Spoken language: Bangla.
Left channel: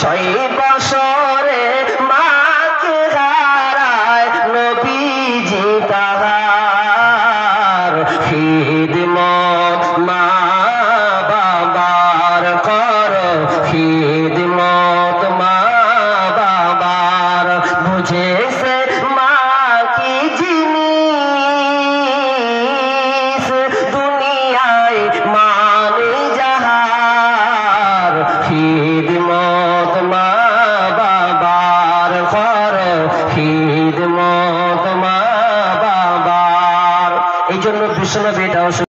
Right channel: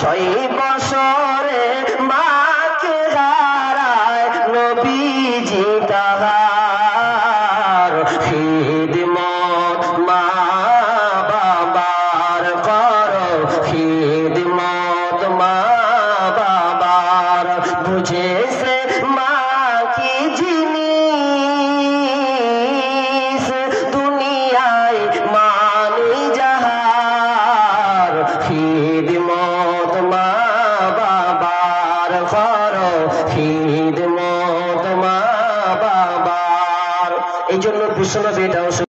6 বছরে মাকে হারায় নবীজি তাহার খিদমত মা বাবার করো খিদমত মা বাবার বুঝেছে মা কি জিনিস দুনিয়ায় মানে যাহার খিদমত মা বাবার করো খিদমত মা বাবার। এই জন্য বিশ্বনবী এটাও